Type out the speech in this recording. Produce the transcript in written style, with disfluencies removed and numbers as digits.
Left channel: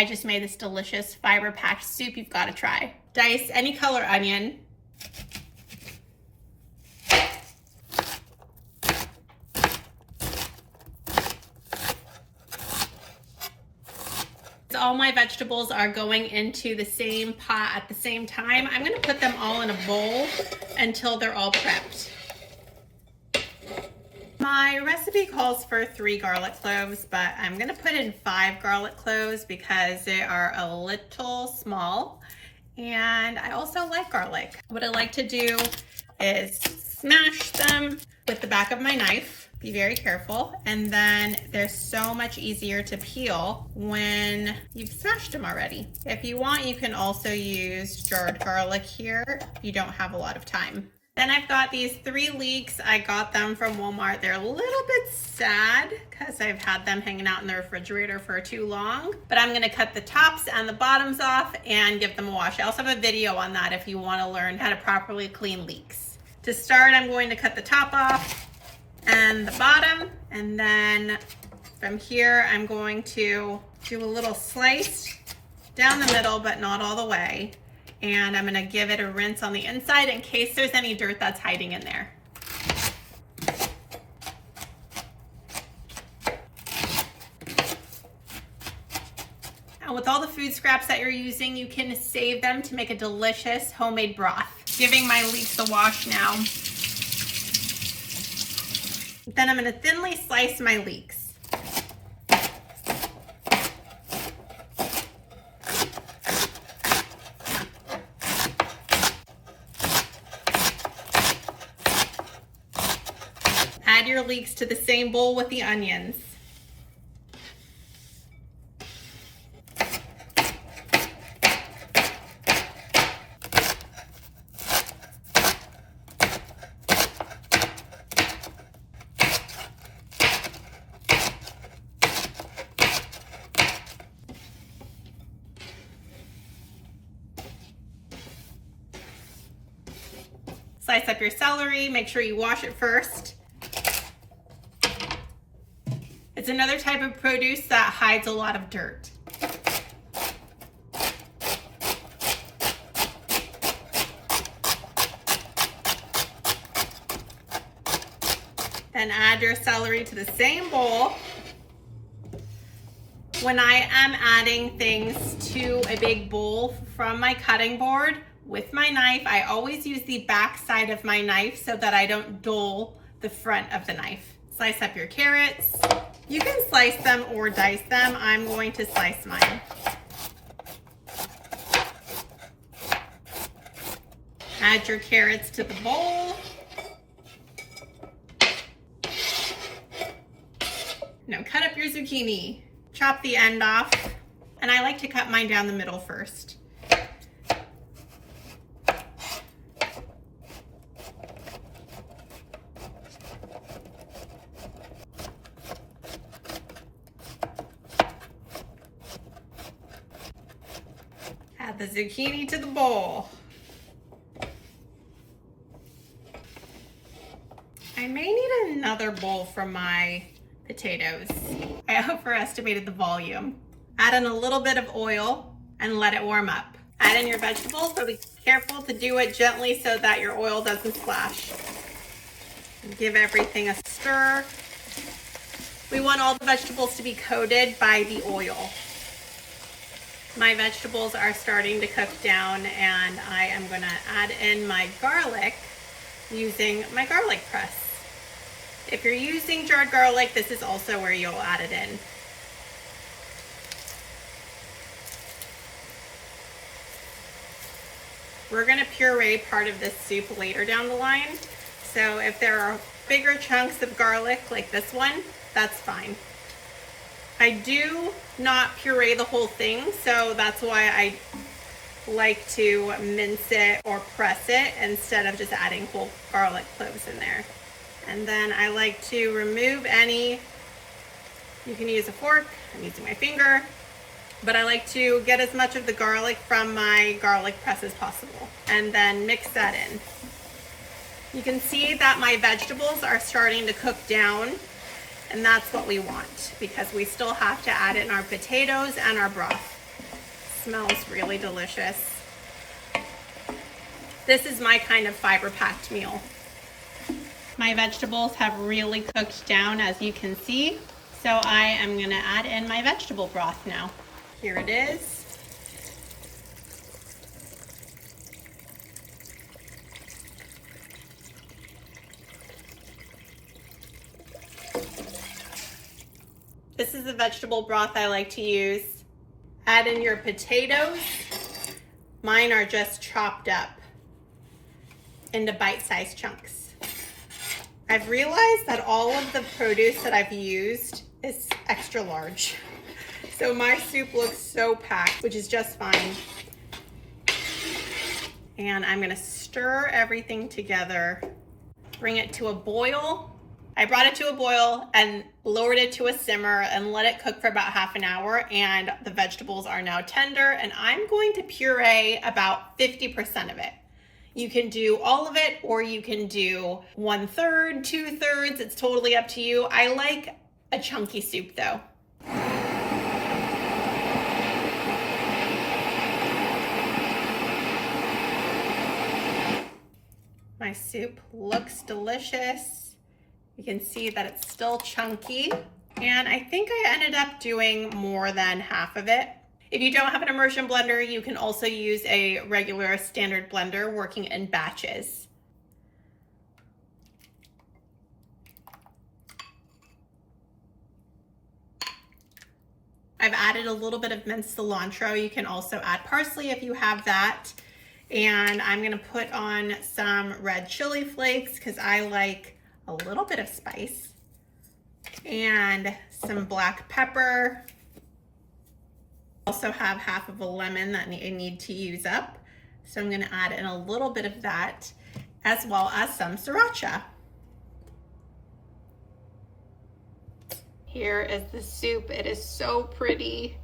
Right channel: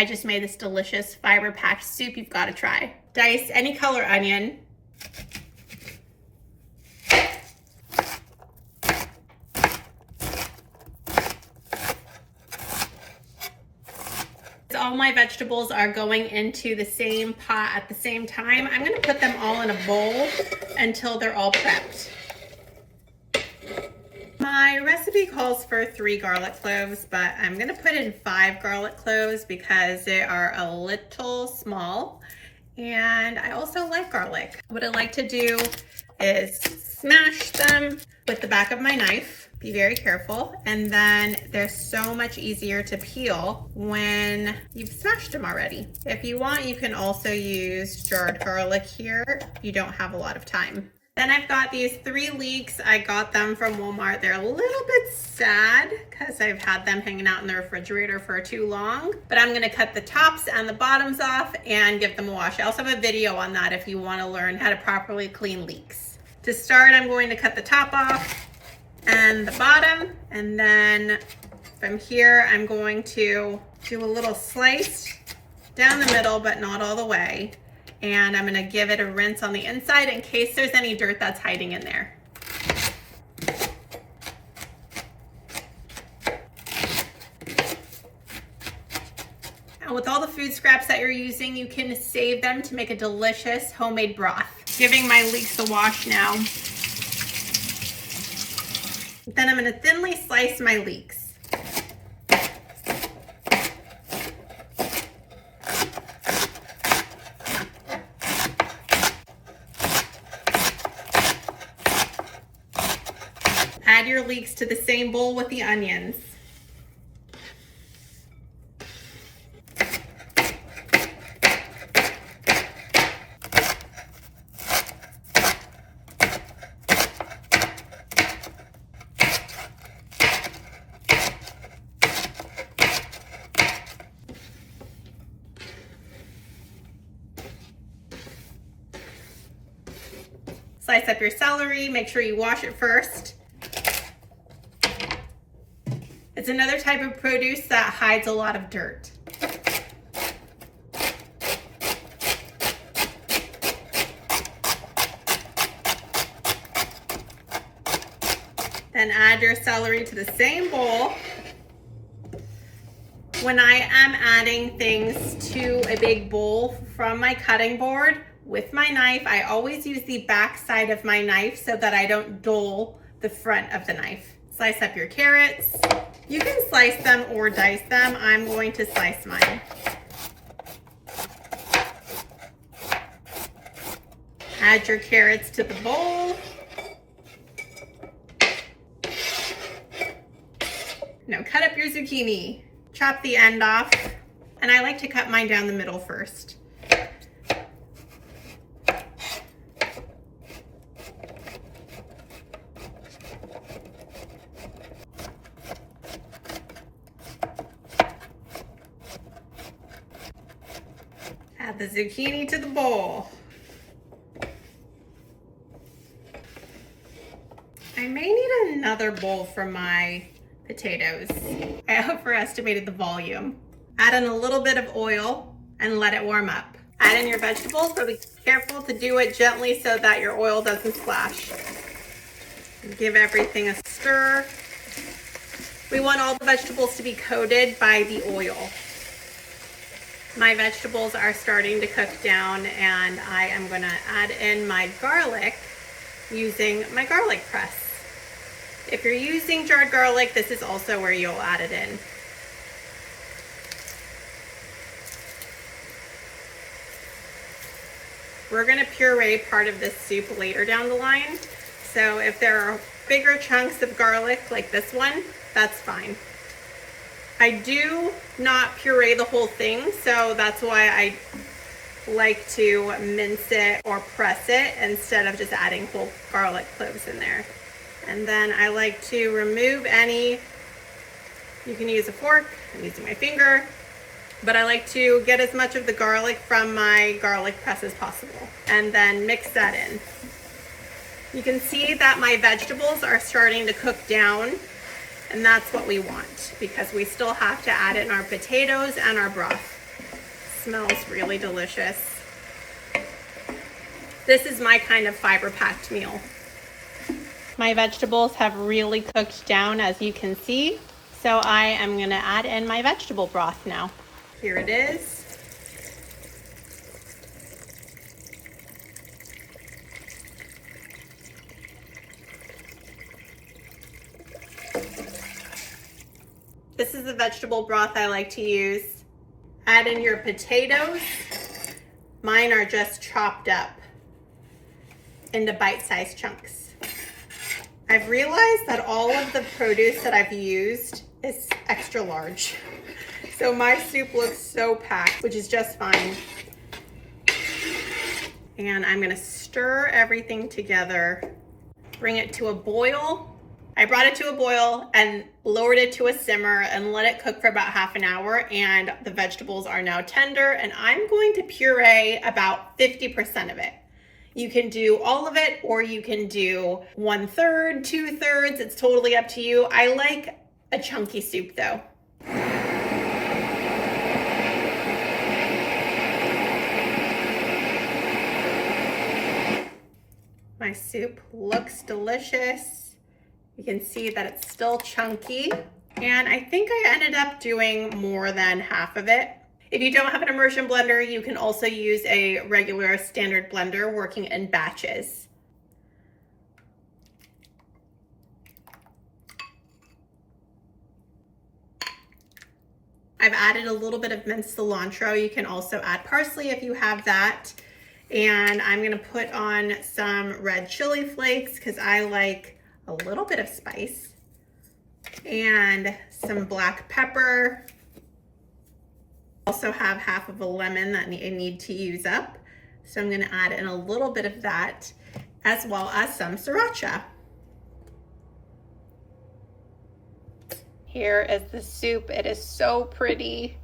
I just made this delicious fiber-packed soup you've got to try. Dice any color onion. All my vegetables are going into the same pot at the same time. I'm going to put them all in a bowl until they're all prepped. My recipe calls for 3 garlic cloves, but I'm going to put in 5 garlic cloves because they are a little small, and I also like garlic. What I like to do is smash them with the back of my knife. Be very careful, and then they're so much easier to peel when you've smashed them already. If you want, you can also use jarred garlic here. You don't have a lot of time. Then I've got these 3 leeks. I got them from Walmart. They're a little bit sad because I've had them hanging out in the refrigerator for too long, but I'm gonna cut the tops and the bottoms off and give them a wash. I also have a video on that if you wanna learn how to properly clean leeks. To start, I'm going to cut the top off and the bottom, and then from here I'm going to do a little slice down the middle, but not all the way, and I'm going to give it a rinse on the inside in case there's any dirt that's hiding in there. And with all the food scraps that you're using, you can save them to make a delicious homemade broth. Giving my leeks a wash now. Then I'm going to thinly slice my leeks. Add your leeks to the same bowl with the onions. Slice up your celery, make sure you wash it first. It's another type of produce that hides a lot of dirt. Then add your celery to the same bowl. When I am adding things to a big bowl from my cutting board, with my knife, I always use the back side of my knife so that I don't dull the front of the knife. Slice up your carrots. You can slice them or dice them. I'm going to slice mine. Add your carrots to the bowl. Now cut up your zucchini. Chop the end off. And I like to cut mine down the middle first. Add the zucchini to the bowl. I may need another bowl for my potatoes. I overestimated the volume. Add in a little bit of oil and let it warm up. Add in your vegetables, but be careful to do it gently so that your oil doesn't splash. Give everything a stir. We want all the vegetables to be coated by the oil. My vegetables are starting to cook down, and I am going to add in my garlic using my garlic press. If you're using jarred garlic, this is also where you'll add it in. We're going to puree part of this soup later down the line, so if there are bigger chunks of garlic like this one, that's fine. I do not puree the whole thing, so that's why I like to mince it or press it instead of just adding whole garlic cloves in there. And then I like to remove any, you can use a fork, I'm using my finger, but I like to get as much of the garlic from my garlic press as possible and then mix that in. You can see that my vegetables are starting to cook down, and that's what we want because we still have to add in our potatoes and our broth. Smells really delicious. This is my kind of fiber-packed meal. My vegetables have really cooked down, as you can see. So I am gonna add in my vegetable broth now. Here it is. This is the vegetable broth I like to use. Add in your potatoes. Mine are just chopped up into bite-sized chunks. I've realized that all of the produce that I've used is extra large. So my soup looks so packed, which is just fine. And I'm gonna stir everything together, bring it to a boil. I brought it to a boil and lowered it to a simmer and let it cook for about half an hour, and the vegetables are now tender, and I'm going to puree about 50% of it. You can do all of it, or you can do 1/3, 2/3, it's totally up to you. I like a chunky soup though. My soup looks delicious. You can see that it's still chunky, and I think I ended up doing more than half of it. If you don't have an immersion blender, you can also use a regular standard blender working in batches. I've added a little bit of minced cilantro. You can also add parsley if you have that. And I'm gonna put on some red chili flakes because I like a little bit of spice, and some black pepper. Also have half of a lemon that I need to use up. So I'm gonna add in a little bit of that, as well as some sriracha. Here is the soup. It is so pretty.